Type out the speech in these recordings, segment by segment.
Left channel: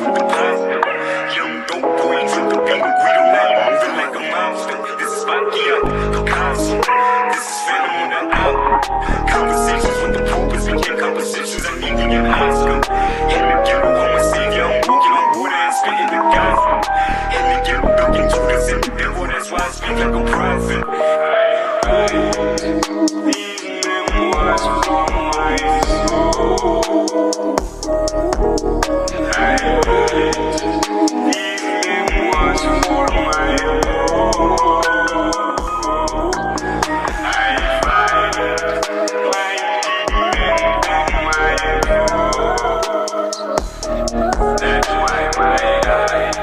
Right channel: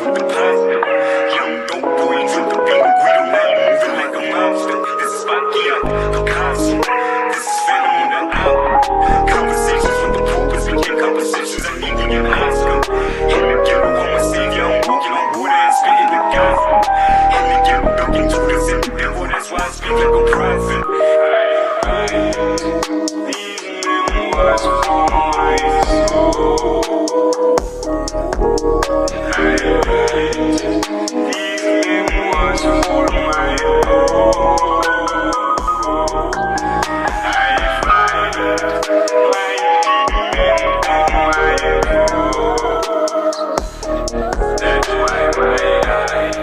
with the pasta. Young dope boy, drink the beat, we don't mind moving like a monster. This is Bakia, Picasso. This is Phantom on the album. Conversations with the purpose, we get conversations, I need to get Oscar. In the ghetto, I'm a savior, I'm walking on water and spitting the gospel. In the ghetto, ducking Judas in the devil, that's why I speak like a prophet. These memoirs from my soul. These memoirs for my own. I find my demon and my ghost. That's why my eyes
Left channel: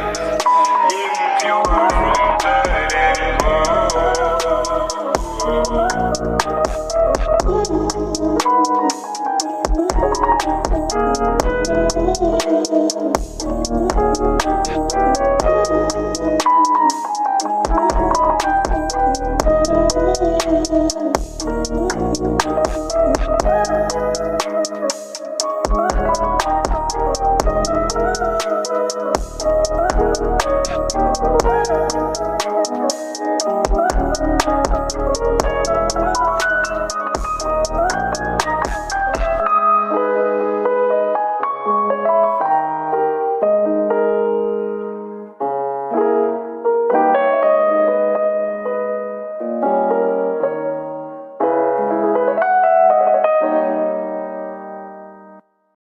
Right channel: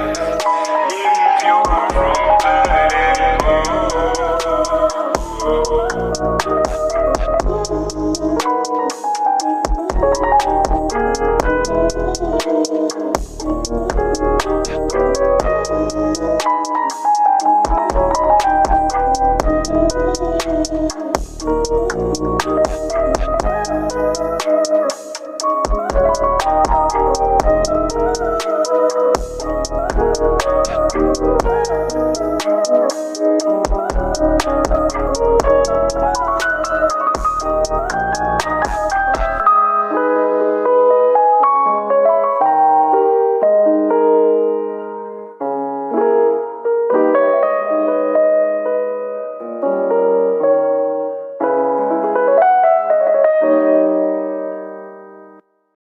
impure from blood and bone.